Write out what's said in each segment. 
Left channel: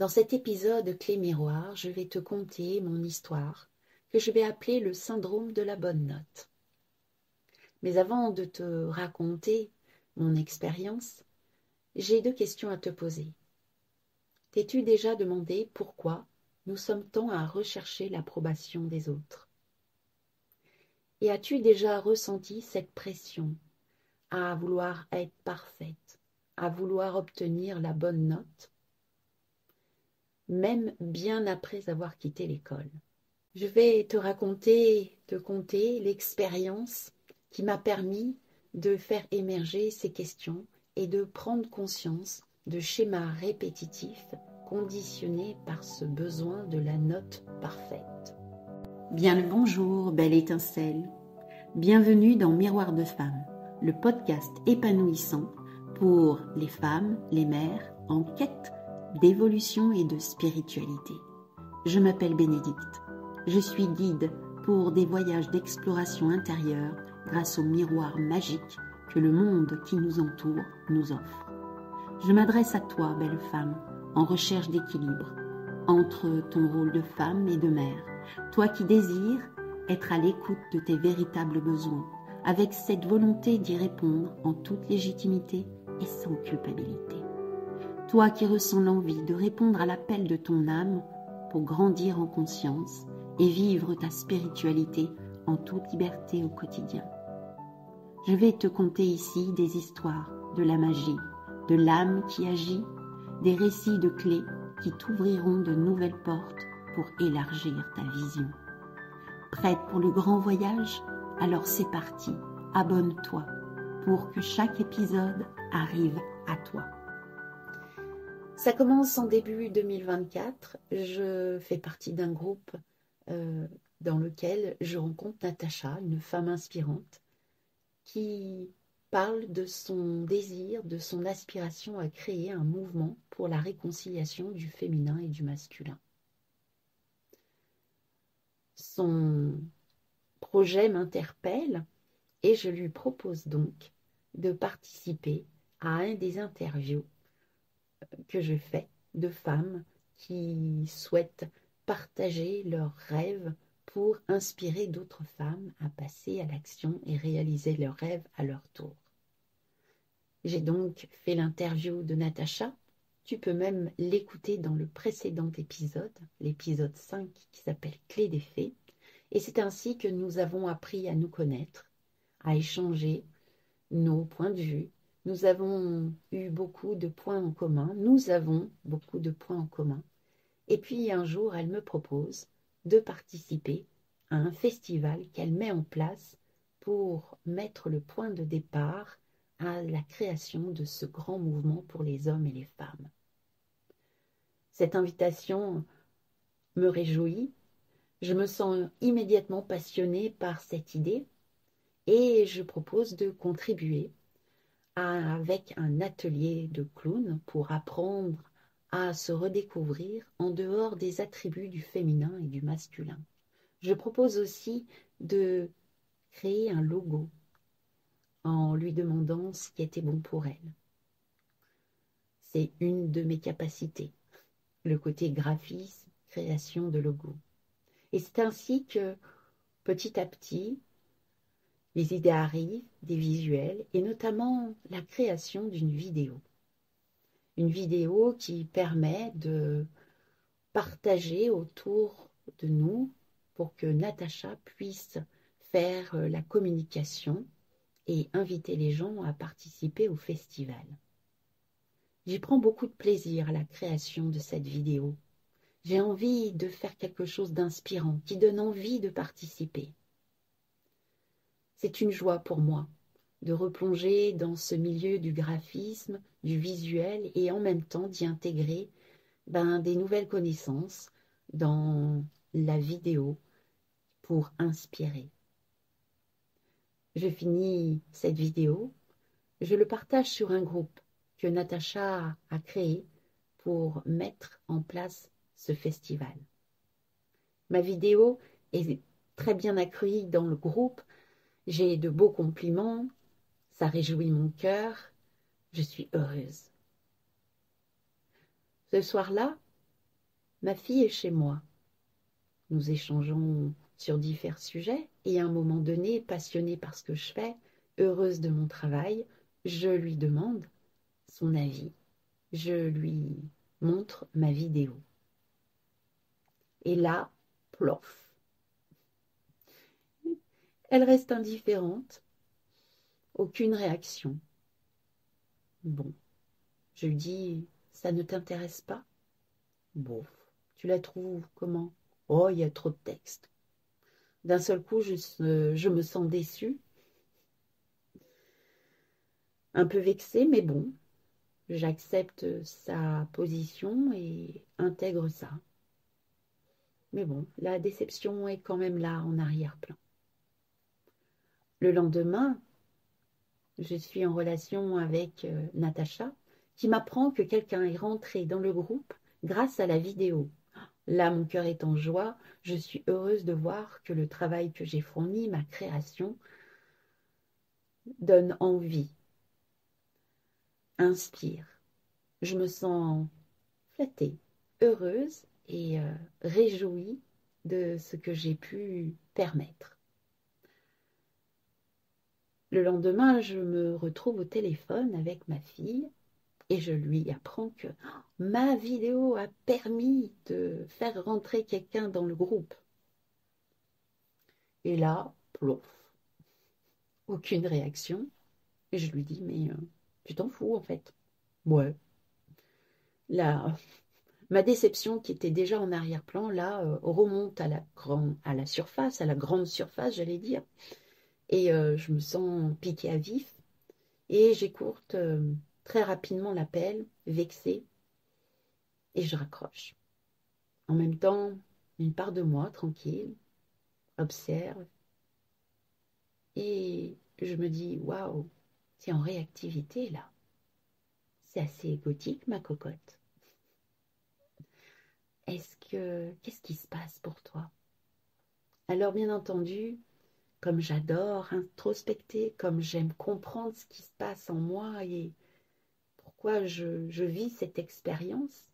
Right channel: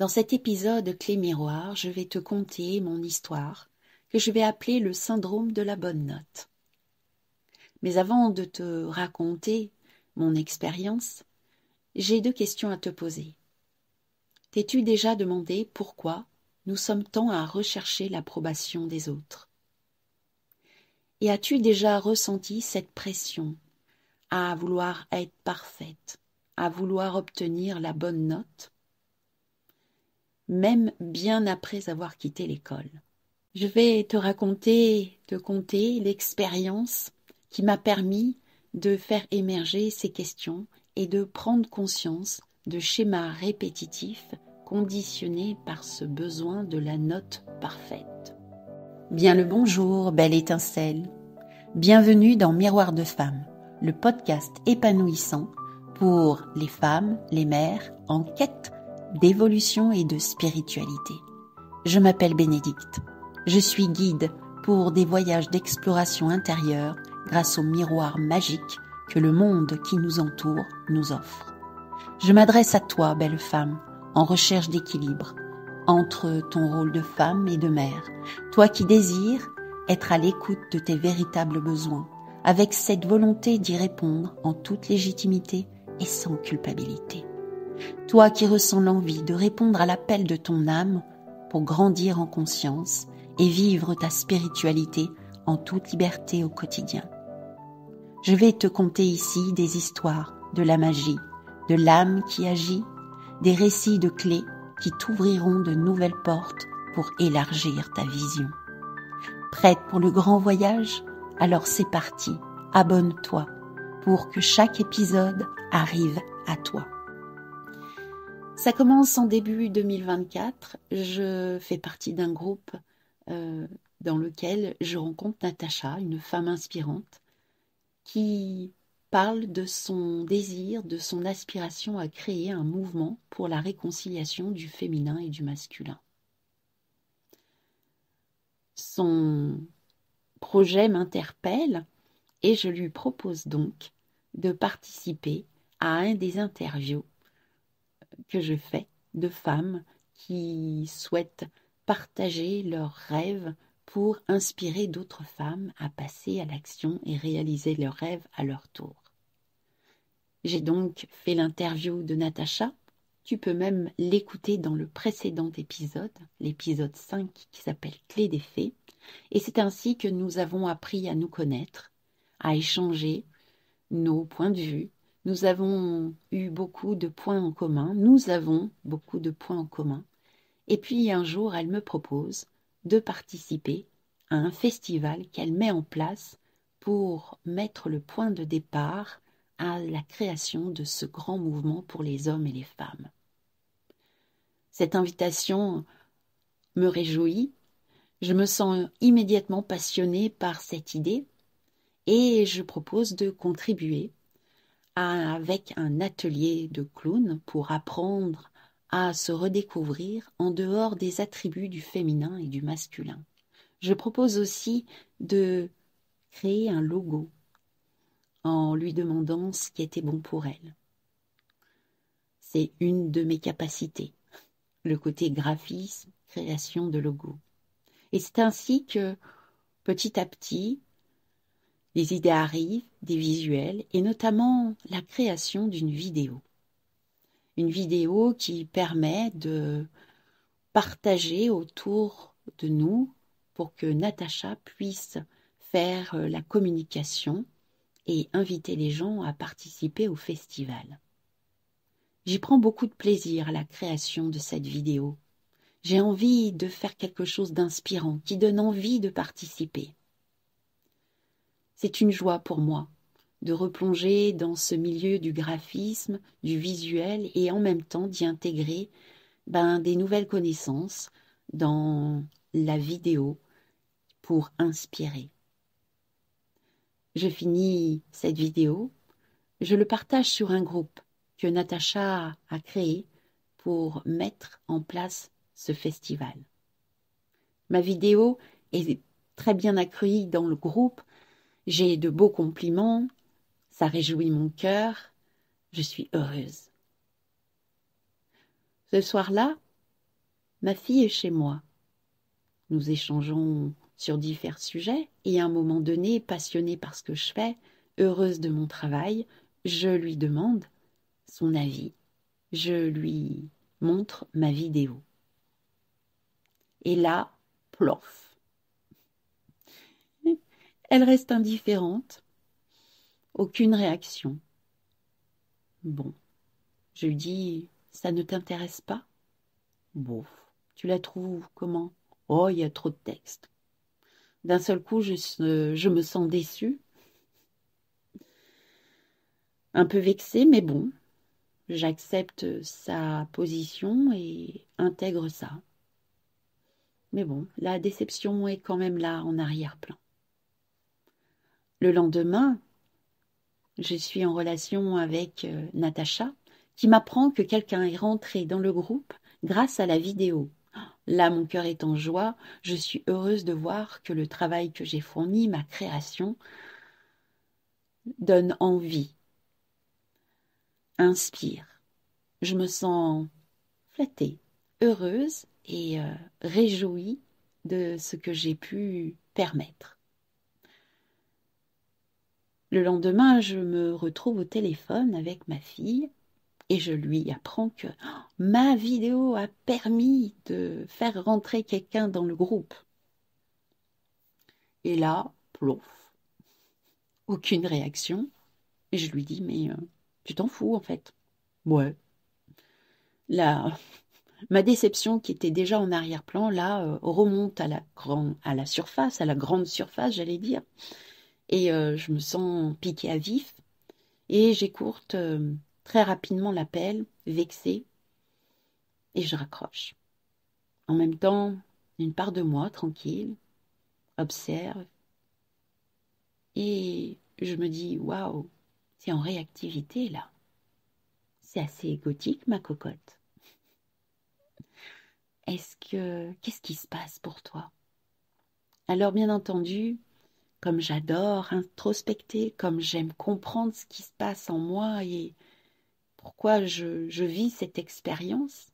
Dans cet épisode Clé Miroir, je vais te conter mon histoire que je vais appeler le syndrome de la bonne note. Mais avant de te raconter mon expérience, j'ai 2 questions à te poser. T'es-tu déjà demandé pourquoi nous sommes tant à rechercher l'approbation des autres? Et as-tu déjà ressenti cette pression à vouloir être parfaite, à vouloir obtenir la bonne note, même bien après avoir quitté l'école? Je vais te conter l'expérience qui m'a permis de faire émerger ces questions et de prendre conscience de schémas répétitifs conditionnés par ce besoin de la note parfaite. Bien le bonjour, belle étincelle. Bienvenue dans Miroir de Femmes, le podcast épanouissant pour les femmes, les mères en quête d'évolution et de spiritualité. Je m'appelle Bénédicte. Je suis guide pour des voyages d'exploration intérieure grâce au miroir magique que le monde qui nous entoure nous offre. Je m'adresse à toi, belle femme, en recherche d'équilibre entre ton rôle de femme et de mère, toi qui désires être à l'écoute de tes véritables besoins, avec cette volonté d'y répondre en toute légitimité et sans culpabilité. Toi qui ressens l'envie de répondre à l'appel de ton âme pour grandir en conscience et vivre ta spiritualité en toute liberté au quotidien. Je vais te conter ici des histoires de la magie, de l'âme qui agit, des récits de clés qui t'ouvriront de nouvelles portes pour élargir ta vision. Prête pour le grand voyage? Alors c'est parti, abonne-toi pour que chaque épisode arrive à toi. Ça commence en début 2024. Je fais partie d'un groupe dans lequel je rencontre Natacha, une femme inspirante, qui parle de son désir, de son aspiration à créer un mouvement pour la réconciliation du féminin et du masculin. Son projet m'interpelle et je lui propose donc de participer à un des interviews que je fais de femmes qui souhaitent partager leurs rêves pour inspirer d'autres femmes à passer à l'action et réaliser leurs rêves à leur tour. J'ai donc fait l'interview de Natacha. Tu peux même l'écouter dans le précédent épisode, l'épisode 5 qui s'appelle Clé des fées. Et c'est ainsi que nous avons appris à nous connaître, à échanger nos points de vue. Nous avons eu beaucoup de points en commun. Nous avons beaucoup de points en commun. Et puis un jour, elle me propose de participer à un festival qu'elle met en place pour mettre le point de départ à la création de ce grand mouvement pour les hommes et les femmes. Cette invitation me réjouit. Je me sens immédiatement passionnée par cette idée et je propose de contribuer avec un atelier de clown pour apprendre à se redécouvrir en dehors des attributs du féminin et du masculin. Je propose aussi de créer un logo en lui demandant ce qui était bon pour elle. C'est une de mes capacités, le côté graphisme, création de logo. Et c'est ainsi que, petit à petit, les idées arrivent, des visuels, et notamment la création d'une vidéo. Une vidéo qui permet de partager autour de nous pour que Natacha puisse faire la communication et inviter les gens à participer au festival. J'y prends beaucoup de plaisir à la création de cette vidéo. J'ai envie de faire quelque chose d'inspirant, qui donne envie de participer. C'est une joie pour moi de replonger dans ce milieu du graphisme, du visuel et en même temps d'y intégrer des nouvelles connaissances dans la vidéo pour inspirer. Je finis cette vidéo, je le partage sur un groupe que Natacha a créé pour mettre en place ce festival. Ma vidéo est très bien accueillie dans le groupe, j'ai de beaux compliments, ça réjouit mon cœur, je suis heureuse. Ce soir-là, Ma fille est chez moi. Nous échangeons sur divers sujets et à un moment donné, passionnée par ce que je fais, heureuse de mon travail, je lui demande son avis. Je lui montre ma vidéo. Et là, plof. Elle reste indifférente, aucune réaction. Bon, je lui dis, ça ne t'intéresse pas? Bon, tu la trouves comment? Oh, il y a trop de texte. D'un seul coup, je me sens déçue, un peu vexée, mais bon, j'accepte sa position et intègre ça. Mais bon, la déception est quand même là en arrière-plan. Le lendemain, je suis en relation avec Natacha, qui m'apprend que quelqu'un est rentré dans le groupe grâce à la vidéo. Là, mon cœur est en joie. Je suis heureuse de voir que le travail que j'ai fourni, ma création, donne envie, inspire. Je me sens flattée, heureuse et réjouie de ce que j'ai pu permettre. Le lendemain, je me retrouve au téléphone avec ma fille et je lui apprends que ma vidéo a permis de faire rentrer quelqu'un dans le groupe. Et là, plouf, aucune réaction. Et je lui dis, mais tu t'en fous en fait. Ouais. Là, ma déception qui était déjà en arrière-plan, là, remonte à la surface, à la grande surface, j'allais dire. Et je me sens piquée à vif. Et j'écourte très rapidement l'appel, vexée, et je raccroche. En même temps, une part de moi, tranquille, observe, et je me dis, waouh, c'est en réactivité là. C'est assez égotique, ma cocotte. Qu'est-ce qui se passe pour toi? Alors, bien entendu, comme j'adore introspecter, comme j'aime comprendre ce qui se passe en moi et pourquoi je vis cette expérience,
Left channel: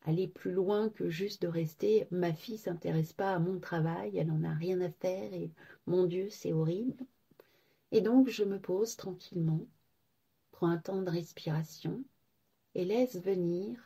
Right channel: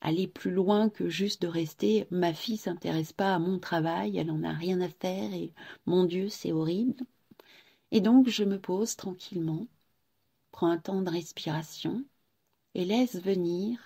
aller plus loin que juste de rester ma fille s'intéresse pas à mon travail, elle en a rien à faire et mon Dieu, c'est horrible. Et donc je me pose tranquillement, prends un temps de respiration et laisse venir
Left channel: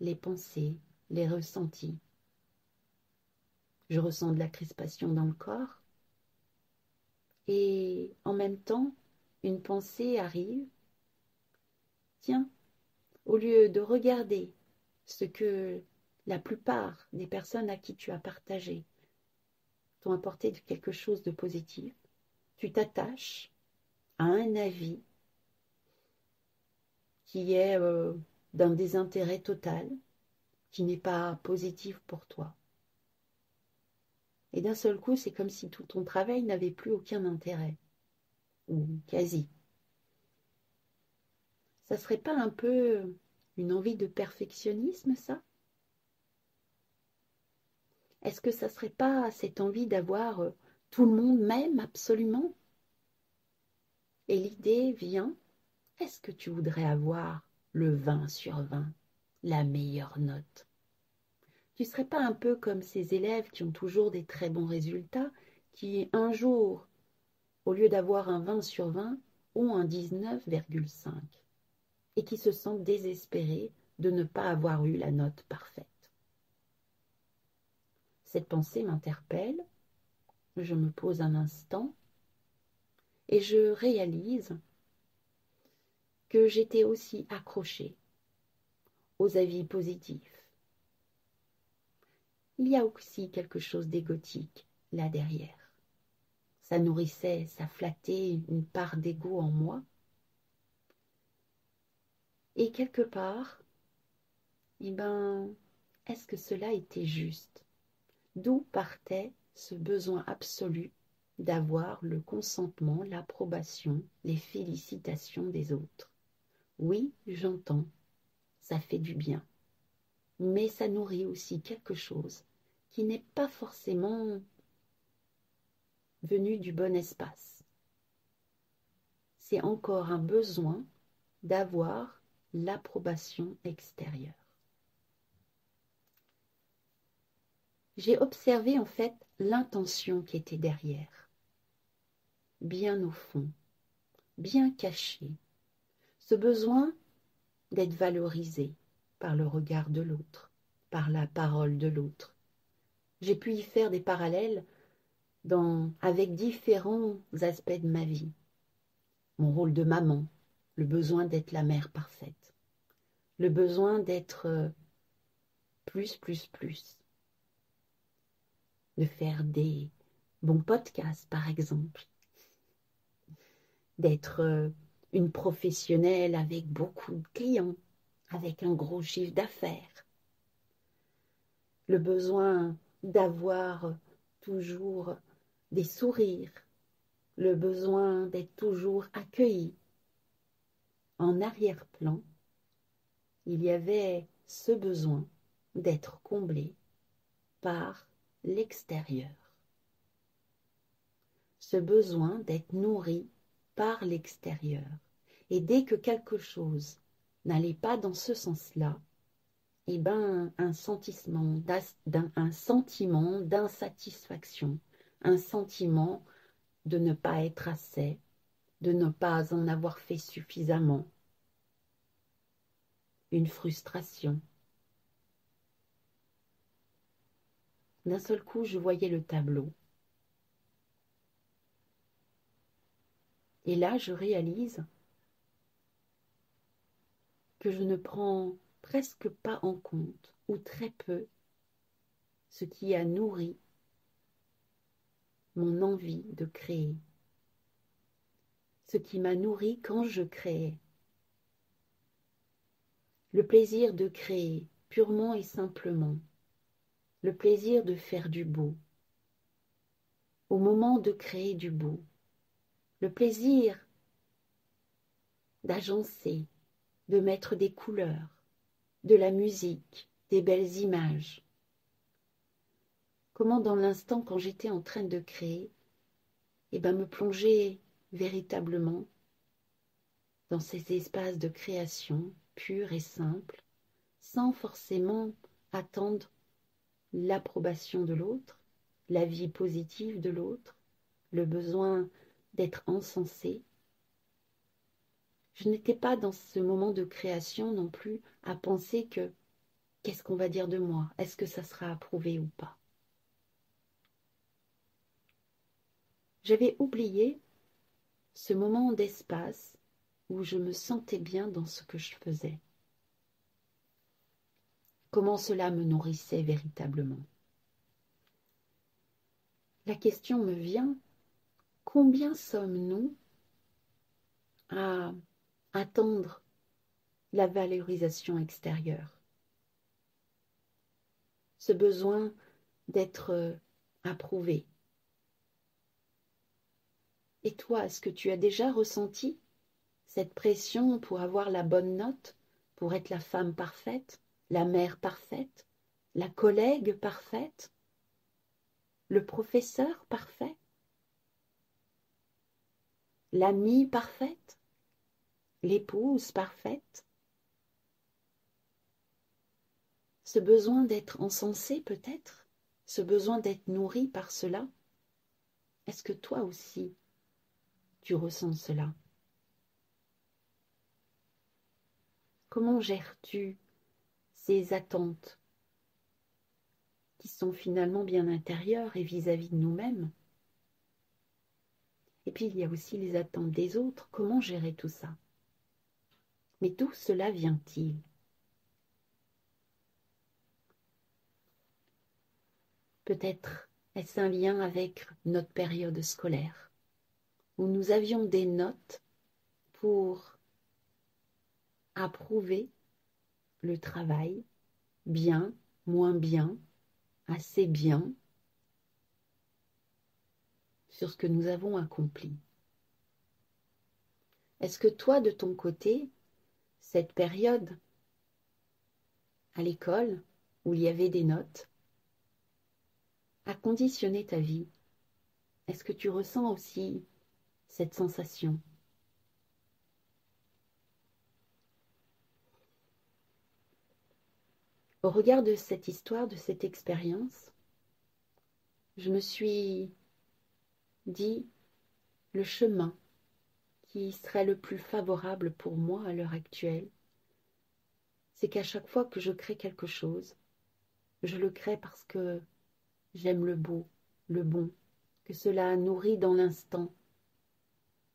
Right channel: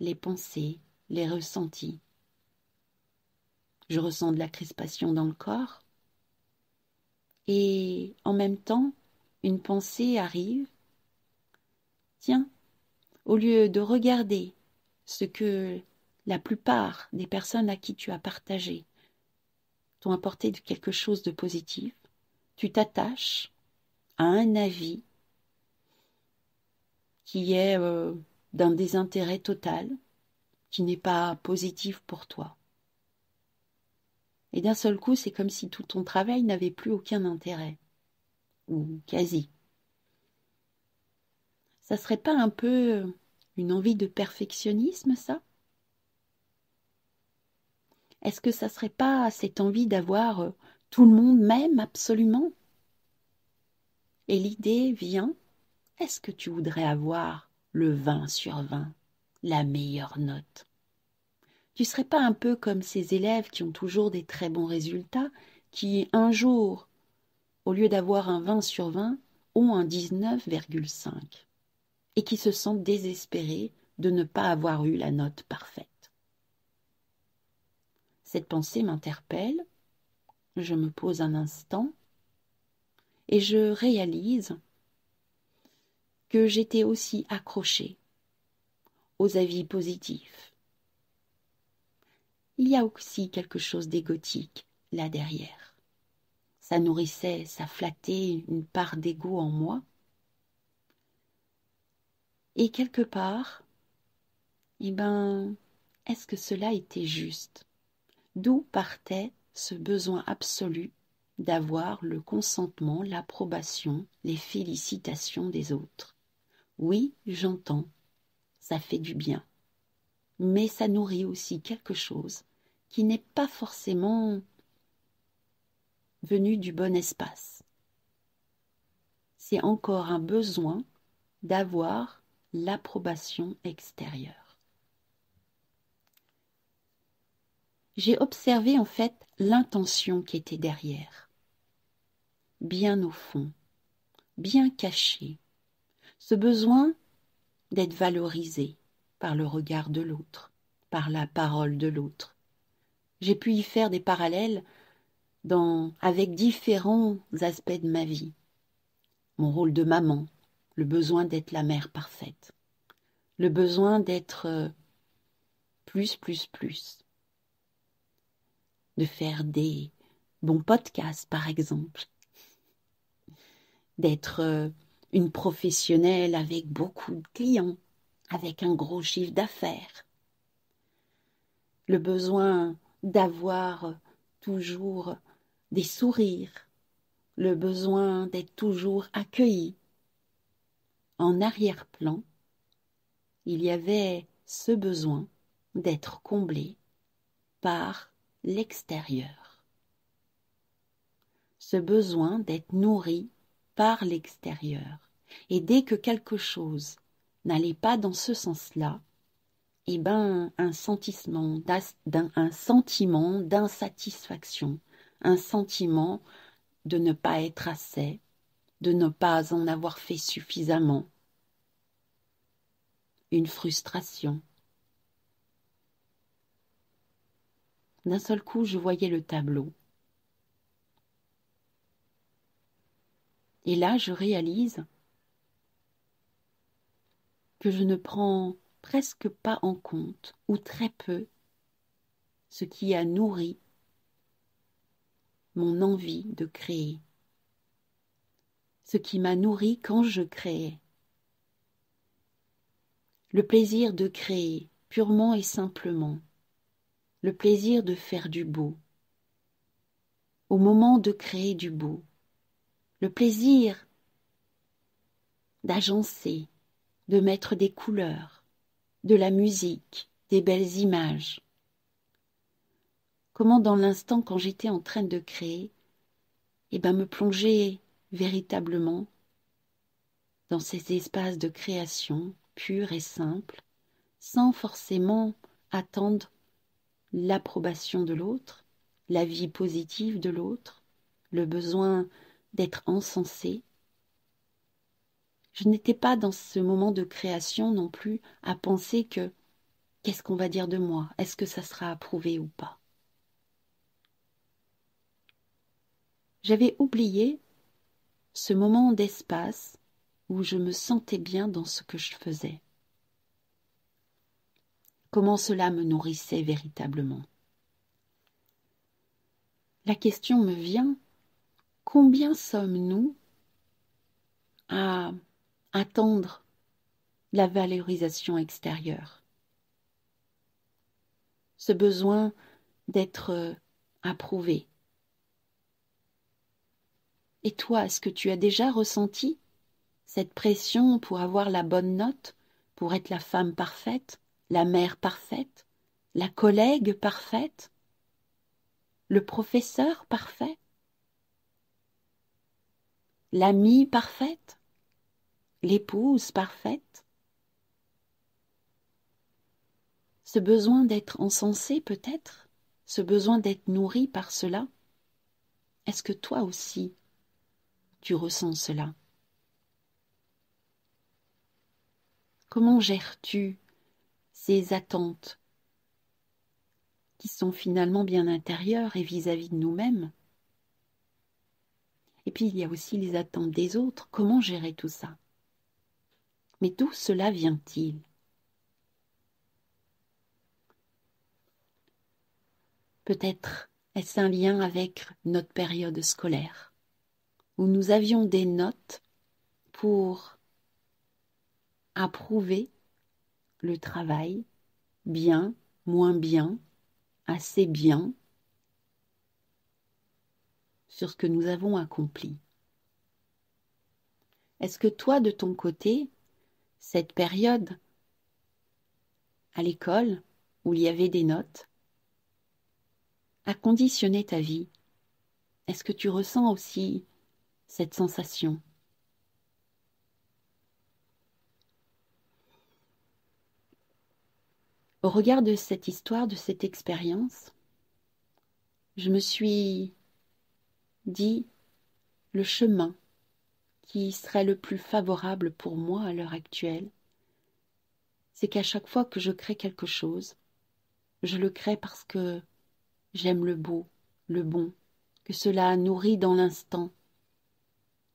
les pensées, les ressentis. Je ressens de la crispation dans le corps et en même temps, une pensée arrive. Tiens, au lieu de regarder ce que la plupart des personnes à qui tu as partagé t'ont apporté quelque chose de positif, tu t'attaches à un avis qui est d'un désintérêt total, qui n'est pas positif pour toi. Et d'un seul coup, c'est comme si tout ton travail n'avait plus aucun intérêt, ou quasi. Ça serait pas un peu une envie de perfectionnisme, ça? Est-ce que ça serait pas cette envie d'avoir tout le monde m'aime absolument? Et l'idée vient, est-ce que tu voudrais avoir le 20 sur 20, la meilleure note? Tu ne serais pas un peu comme ces élèves qui ont toujours des très bons résultats, qui un jour, au lieu d'avoir un 20 sur 20, ont un 19,5 et qui se sentent désespérés de ne pas avoir eu la note parfaite. Cette pensée m'interpelle, je me pose un instant et je réalise que j'étais aussi accrochée aux avis positifs. Il y a aussi quelque chose d'égotique là derrière. Ça nourrissait, ça flattait une part d'ego en moi. Et quelque part, eh ben, est-ce que cela était juste? D'où partait ce besoin absolu d'avoir le consentement, l'approbation, les félicitations des autres? Oui, j'entends, ça fait du bien, mais ça nourrit aussi quelque chose qui n'est pas forcément venu du bon espace. C'est encore un besoin d'avoir l'approbation extérieure. j'ai observé en fait l'intention qui était derrière, bien au fond, bien caché, ce besoin d'être valorisé par le regard de l'autre, par la parole de l'autre. J'ai pu y faire des parallèles avec différents aspects de ma vie. Mon rôle de maman, le besoin d'être la mère parfaite, le besoin d'être plus, de faire des bons podcasts par exemple, d'être une professionnelle avec beaucoup de clients, avec un gros chiffre d'affaires, le besoin d'avoir toujours des sourires, le besoin d'être toujours accueilli. En arrière-plan, il y avait ce besoin d'être comblé par l'extérieur, ce besoin d'être nourri par l'extérieur. Et dès que quelque chose n'allait pas dans ce sens-là, eh ben, un sentiment d'insatisfaction, un sentiment de ne pas être assez, de ne pas en avoir fait suffisamment, une frustration. D'un seul coup, je voyais le tableau. Et là, je réalise que je ne prends presque pas en compte, ou très peu, ce qui a nourri mon envie de créer, ce qui m'a nourri quand je créais. Le plaisir de créer, purement et simplement, le plaisir de faire du beau, au moment de créer du beau, le plaisir d'agencer, de mettre des couleurs, de la musique, des belles images. Comment dans l'instant quand j'étais en train de créer, me plonger véritablement dans ces espaces de création purs et simples, sans forcément attendre l'approbation de l'autre, la vie positive de l'autre, le besoin d'être encensé. Je n'étais pas dans ce moment de création non plus à penser que qu'est-ce qu'on va dire de moi? Est-ce que ça sera approuvé ou pas? J'avais oublié ce moment d'espace où je me sentais bien dans ce que je faisais. Comment cela me nourrissait véritablement. La question me vient, combien sommes-nous à attendre la valorisation extérieure? Ce besoin d'être approuvé. Et toi, est-ce que tu as déjà ressenti cette pression pour avoir la bonne note, pour être la femme parfaite, la mère parfaite, la collègue parfaite, le professeur parfait, l'amie parfaite, l'épouse parfaite? Ce besoin d'être encensé peut-être, ce besoin d'être nourri par cela, est-ce que toi aussi tu ressens cela? Comment gères-tu ces attentes qui sont finalement bien intérieures et vis-à-vis de nous-mêmes? Et puis il y a aussi les attentes des autres. Comment gérer tout ça? Mais d'où cela vient-il? Peut-être est-ce un lien avec notre période scolaire, où nous avions des notes pour approuver le travail, bien, moins bien, assez bien, sur ce que nous avons accompli. Est-ce que toi, de ton côté, cette période à l'école, où il y avait des notes, a conditionné ta vie? Est-ce que tu ressens aussi cette sensation? Au regard de cette histoire, de cette expérience, je me suis dit le chemin qui serait le plus favorable pour moi à l'heure actuelle, c'est qu'à chaque fois que je crée quelque chose, je le crée parce que j'aime le beau, le bon, que cela nourrit dans l'instant,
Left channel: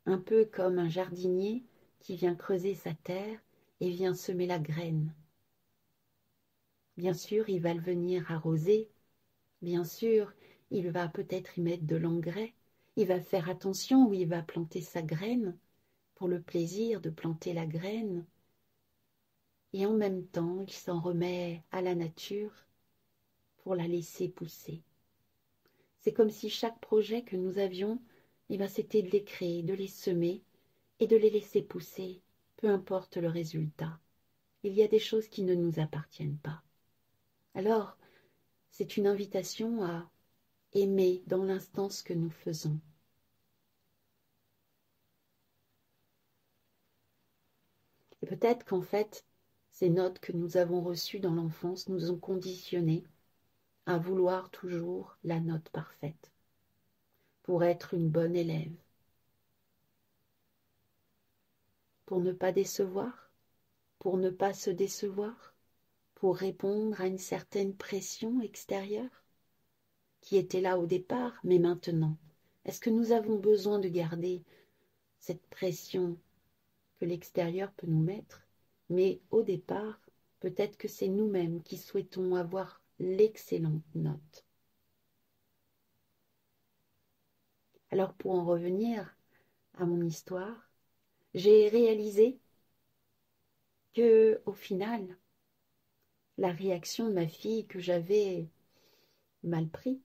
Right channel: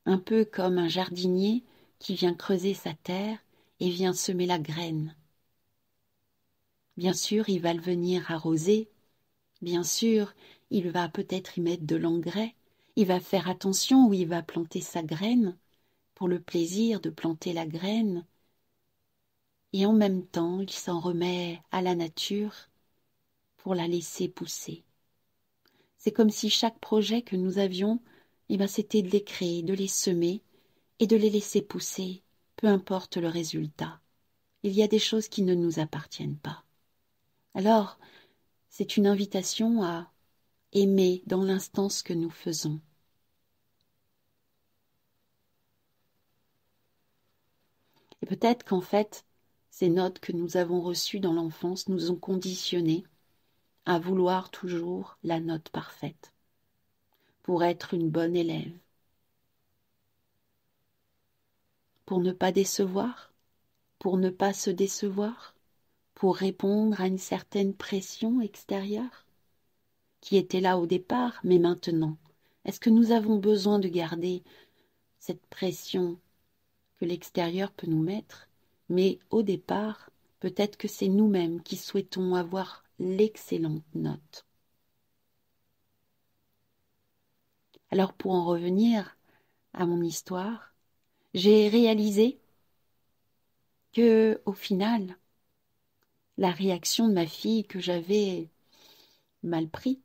un peu comme un jardinier qui vient creuser sa terre et vient semer la graine. Bien sûr, il va le venir arroser, bien sûr, il va peut-être y mettre de l'engrais, il va faire attention où il va planter sa graine, pour le plaisir de planter la graine, et en même temps, il s'en remet à la nature pour la laisser pousser. C'est comme si chaque projet que nous avions, c'était de les créer, de les semer et de les laisser pousser, peu importe le résultat. Il y a des choses qui ne nous appartiennent pas. Alors, c'est une invitation à aimer dans l'instant ce que nous faisons. Et peut-être qu'en fait, ces notes que nous avons reçues dans l'enfance nous ont conditionnés à vouloir toujours la note parfaite pour être une bonne élève, pour ne pas décevoir, pour ne pas se décevoir, pour répondre à une certaine pression extérieure qui était là au départ, mais maintenant, est-ce que nous avons besoin de garder cette pression que l'extérieur peut nous mettre, mais au départ, peut-être que c'est nous-mêmes qui souhaitons avoir l'excellente note. Alors pour en revenir à mon histoire, j'ai réalisé que au final, la réaction de ma fille que j'avais mal pris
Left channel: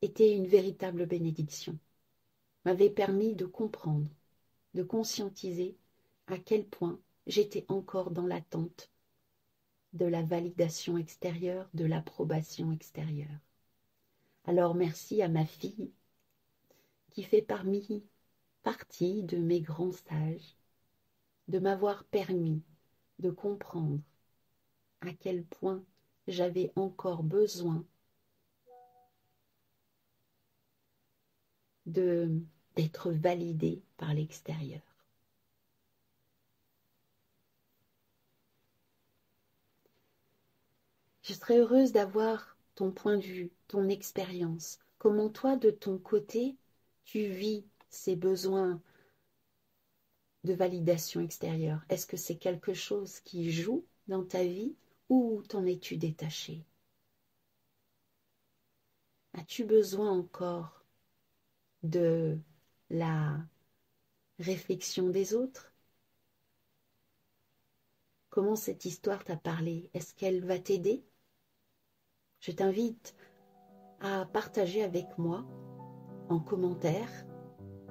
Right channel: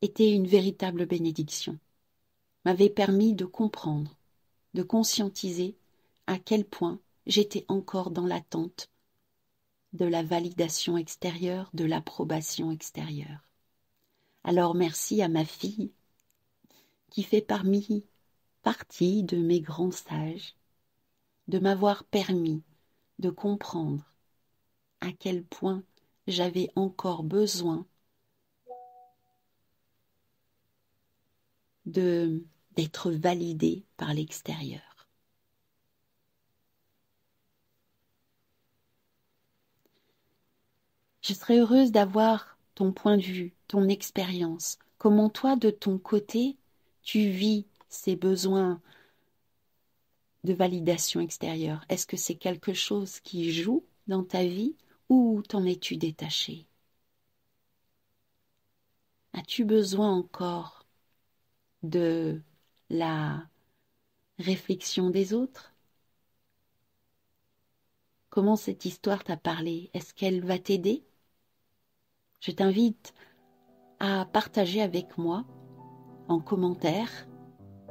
était une véritable bénédiction, m'avait permis de comprendre, de conscientiser à quel point j'étais encore dans l'attente de la validation extérieure, de l'approbation extérieure. Alors merci à ma fille qui fait partie de mes grands sages, de m'avoir permis de comprendre à quel point j'avais encore besoin d'être validée par l'extérieur. Je serais heureuse d'avoir ton point de vue, ton expérience. Comment toi, de ton côté, tu vis ces besoins de validation extérieure? Est-ce que c'est quelque chose qui joue dans ta vie ou t'en es-tu détaché? As-tu besoin encore de la réflexion des autres? Comment cette histoire t'a parlé? Est-ce qu'elle va t'aider? Je t'invite à partager avec moi en commentaire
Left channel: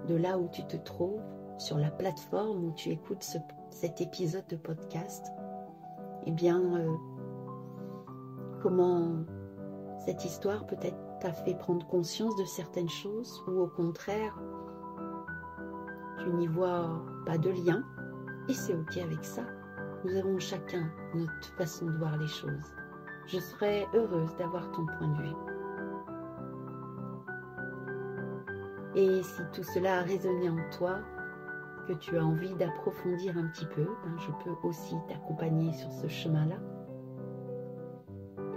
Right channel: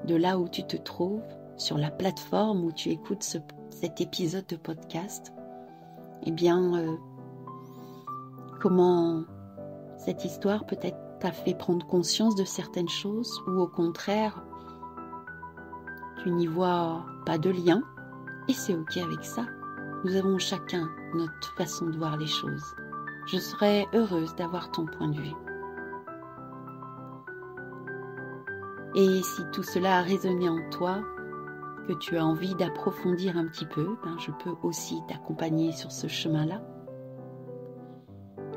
de là où tu te trouves, sur la plateforme où tu écoutes cet épisode de podcast, comment cette histoire peut-être t'a fait prendre conscience de certaines choses ou au contraire, tu n'y vois pas de lien et c'est ok avec ça. Nous avons chacun notre façon de voir les choses. Je serais heureuse d'avoir ton point de vue. Et si tout cela a résonné en toi, que tu as envie d'approfondir un petit peu, je peux aussi t'accompagner sur ce chemin-là.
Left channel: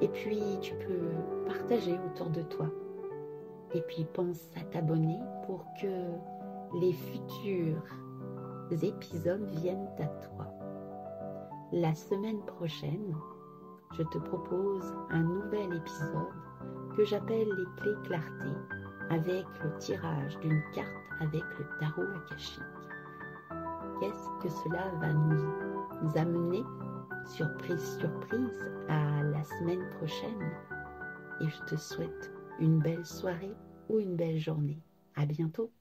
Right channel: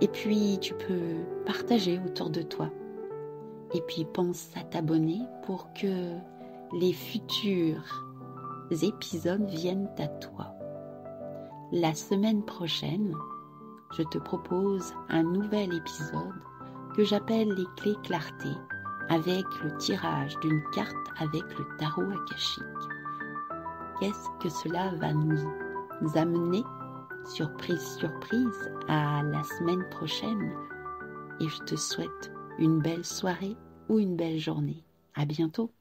Et puis, tu peux partager autour de toi. Et puis, pense à t'abonner pour que les futurs épisodes viennent à toi. La semaine prochaine, je te propose un nouvel épisode que j'appelle les clés clarté, avec le tirage d'une carte avec le tarot akashique. Qu'est-ce que cela va nous amener, surprise, surprise, à la semaine prochaine? Et je te souhaite une belle soirée ou une belle journée. À bientôt.